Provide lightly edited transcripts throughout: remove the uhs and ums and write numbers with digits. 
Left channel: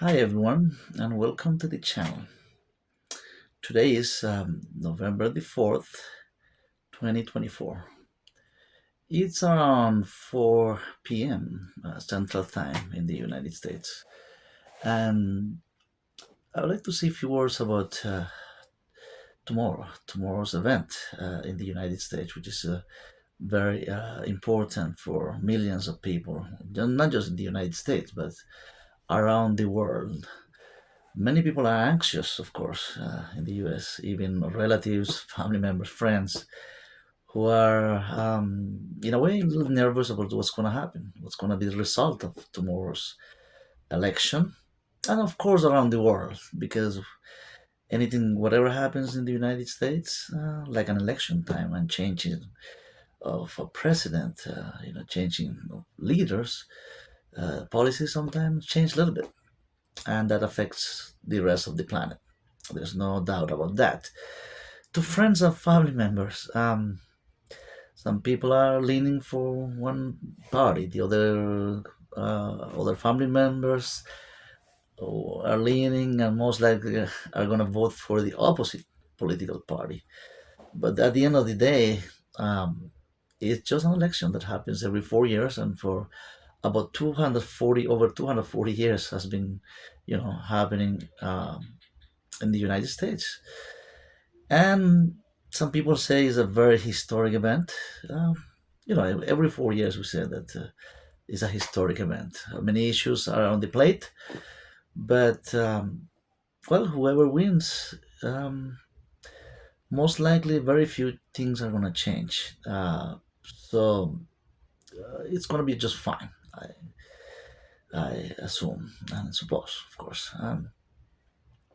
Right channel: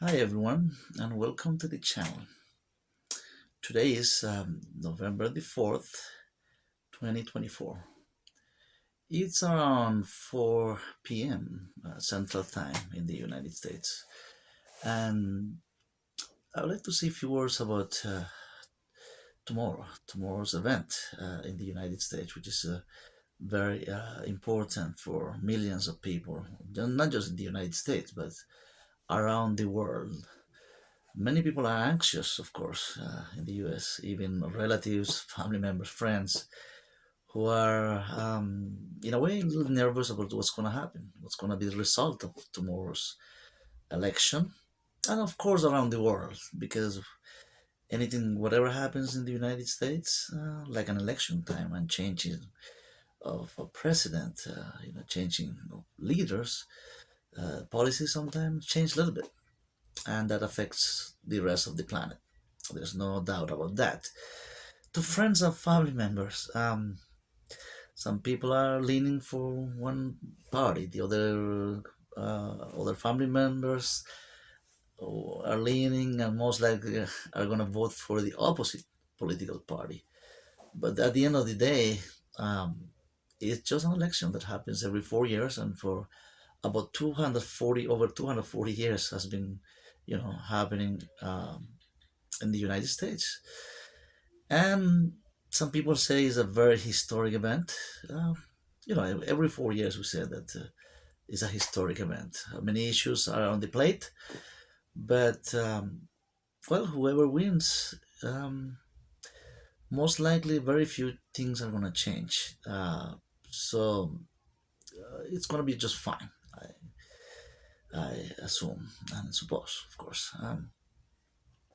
Hi everyone, and welcome to the channel. Today is November the 4th, 2024. It's around 4 p.m. Central Time in the United States. And I would like to say a few words about tomorrow's event in the United States, which is very important for millions of people, not just in the United States, but around the world. Many people are anxious, of course, in the US, even relatives, family members, friends, who are, in a way, a little nervous about what's going to happen, what's going to be the result of tomorrow's election, and of course, around the world, because anything, whatever happens in the United States, like an election time and changing of a president, changing of leaders, policies sometimes change a little bit, and that affects the rest of the planet. There's no doubt about that. To friends and family members, some people are leaning for one party. The other family members are leaning and most likely are going to vote for the opposite political party. But at the end of the day, um, it's just an election that happens every 4 years, and for about 240 over 240 years has been, happening in the United States. And some people say it's a very historic event. Every 4 years we say that it's a historic event. Many issues are on the plate, but well, whoever wins, most likely very few things are going to change. So it's going to be just fine. I assume and suppose, of course.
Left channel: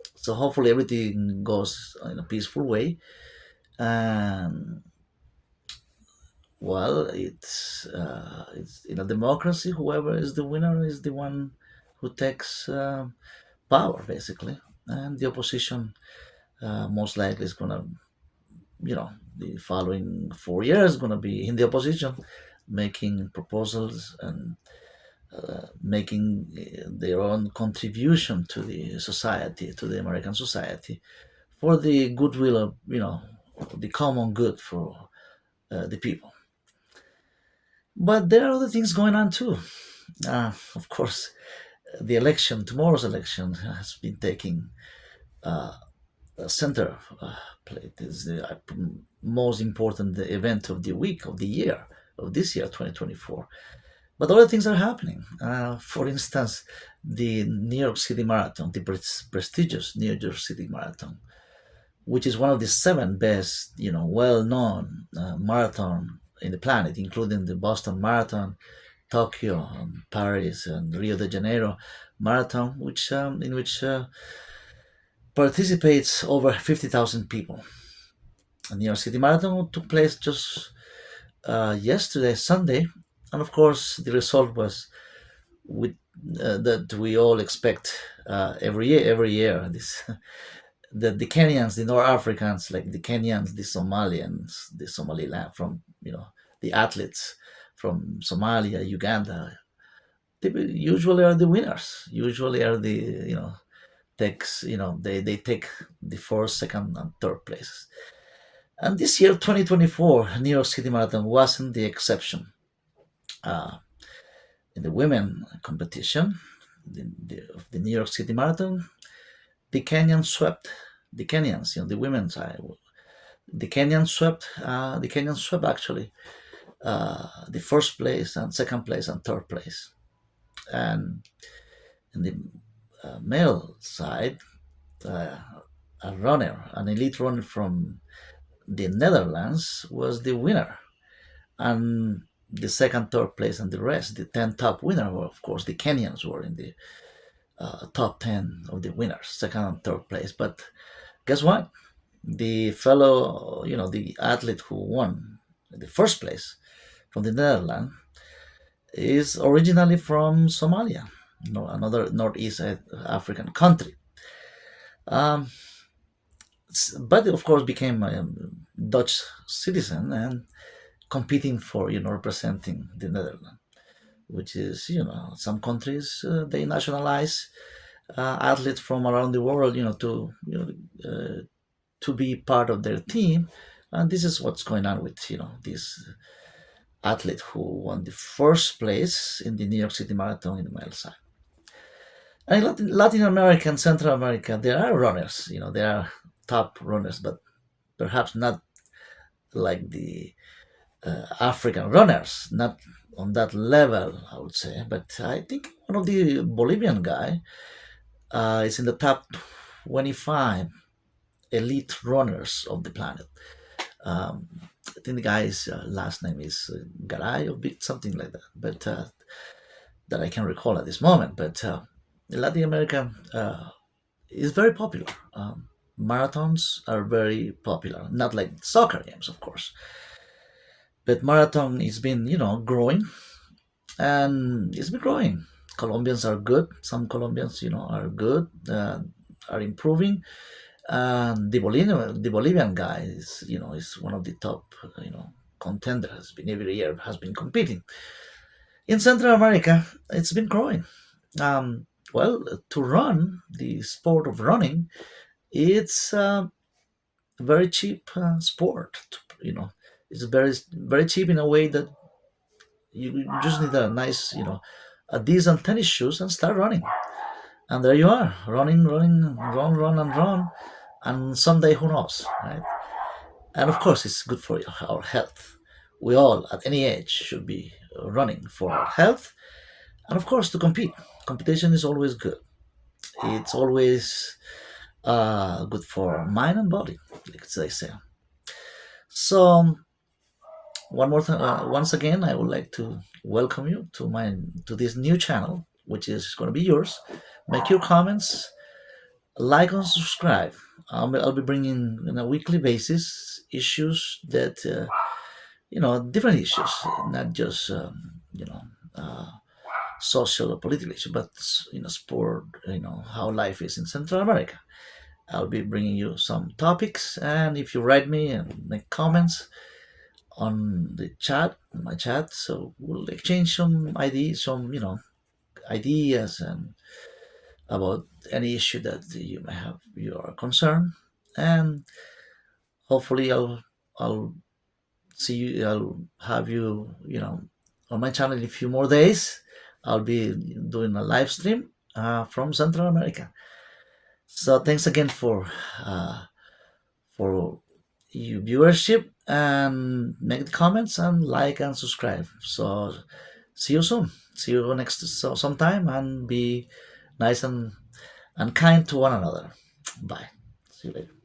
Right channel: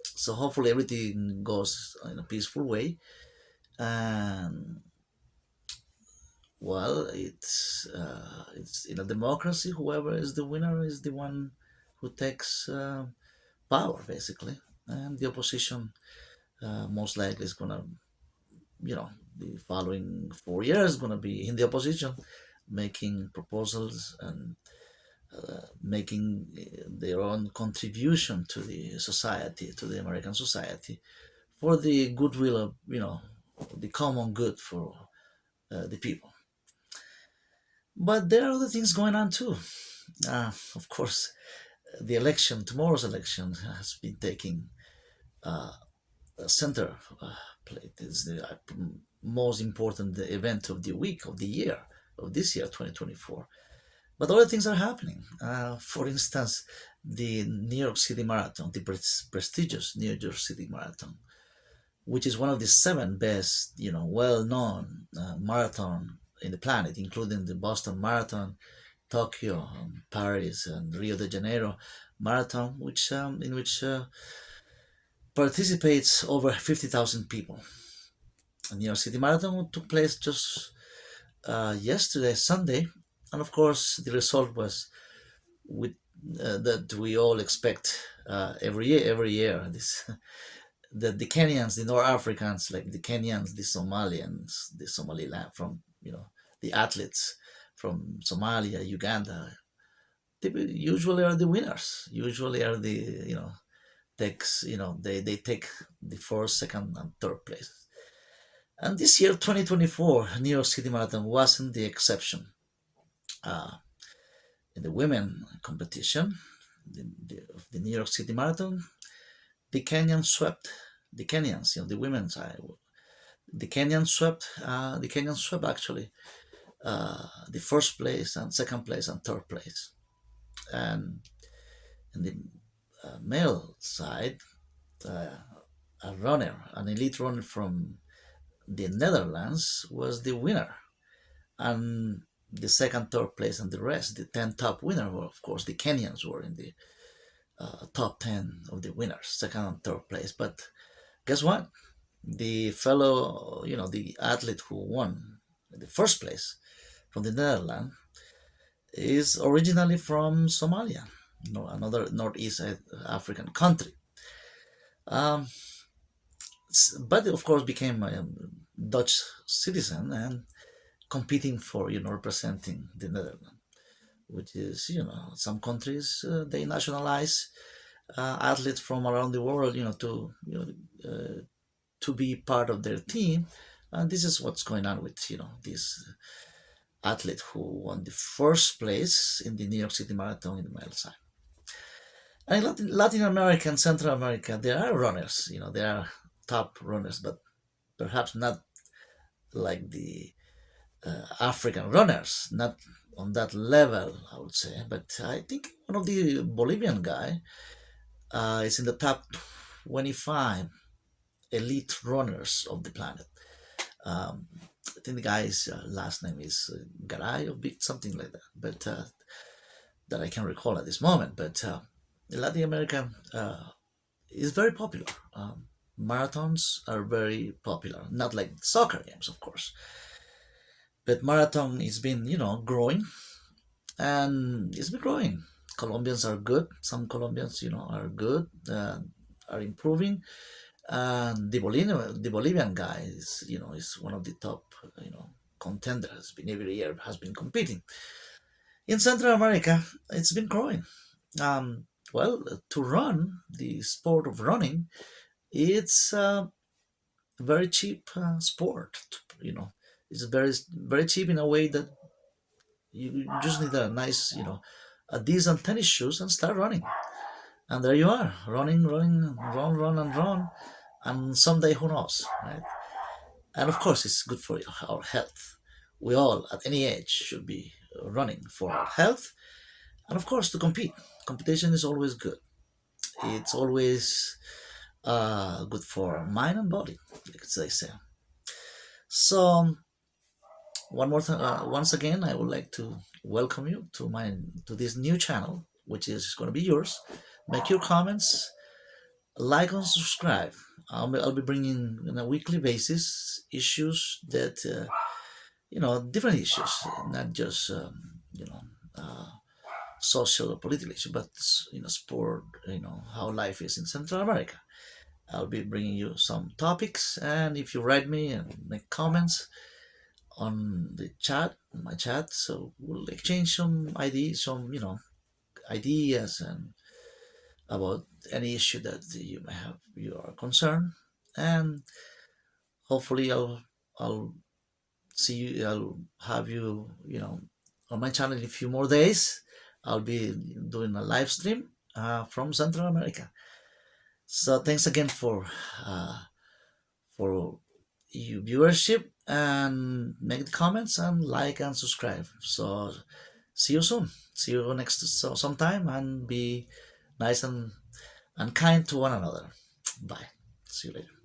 So hopefully everything goes in a peaceful way. And well, it's in a democracy. Whoever is the winner is the one who takes power, basically, and the opposition most likely is gonna, the following 4 years gonna be in the opposition, making proposals and making their own contribution to the society, to the American society, for the goodwill of the common good for the people. But there are other things going on too. Of course, the election, tomorrow's election, has been taking a center plate. It's the most important event of the week, of the year, of this year, 2024. But other things are happening. For instance, the New York City Marathon, the prestigious New York City Marathon, which is one of the seven best, well-known marathon in the planet, including the Boston Marathon, Tokyo, Paris, and Rio de Janeiro marathon, which in which participates over 50,000 people. The New York City Marathon took place just yesterday, Sunday, and of course the result was with that we all expect every year. Every year, this the Kenyans, the North Africans, like the Kenyans, the Somalians, the Somaliland, from the athletes from Somalia, Uganda, they usually are the winners. Usually are the takes they take the first, second, and third places. And this year, 2024, New York City Marathon wasn't the exception. Uh, in the women competition, of the New York City Marathon, the Kenyans swept the Kenyans, the women's side. The Kenyans swept actually the first place and second place and third place. And in the male side, uh, an elite runner from the Netherlands was the winner. And the second, third place, and the rest, the 10 top winner, were, of course, the Kenyans were in the top 10 of the winners, second and third place. But guess what? The fellow, the athlete who won the first place from the Netherlands is originally from Somalia, another Northeast African country. Um, but of course became a Dutch citizen and competing for, representing the Netherlands, which is, some countries they nationalize athletes from around the world, to be part of their team. And this is what's going on with this athlete who won the first place in the New York City Marathon in the male side. And in Latin America and Central America, there are runners. There are top runners, but perhaps not like the African runners, not on that level, I would say. But I think one of the Bolivian guy is in the top 25 elite runners of the planet. Um, I think the guy's last name is Garay or something like that, but that I can recall at this moment. But Latin America is very popular. Marathons are very popular, not like soccer games, of course, but marathon has been, growing, and it's been growing. Colombians are good. Some Colombians, are good, are improving. And the Bolivian guy is one of the top, contenders. Has been every year has been competing. In Central America, it's been growing. Well, to run the sport of running, it's a very cheap sport. It's very very cheap in a way that you just need a nice, a decent tennis shoes and start running. And there you are, running, running, run, and run. And someday, who knows, right? And of course, it's good for our health. We all, at any age, should be running for our health. And of course, to compete. Competition is always good. It's always good for mind and body, like they say. So, once again, I would like to welcome you to this new channel, which is going to be yours. Make your comments, like and subscribe. I'll be bringing on a weekly basis issues that different issues, not just uh, social or political issues, but sport. How life is in Central America. I'll be bringing you some topics, and if you write me and make comments on the chat, my chat, so we'll exchange some ideas, ideas and about any issue that you may have your concern, and hopefully I'll see you. I'll have you on my channel in a few more days. I'll be doing a live stream from Central America. So thanks again for your viewership, and make the comments and like and subscribe. So see you soon. See you next sometime, and be nice and kind to one another. Bye. See you later.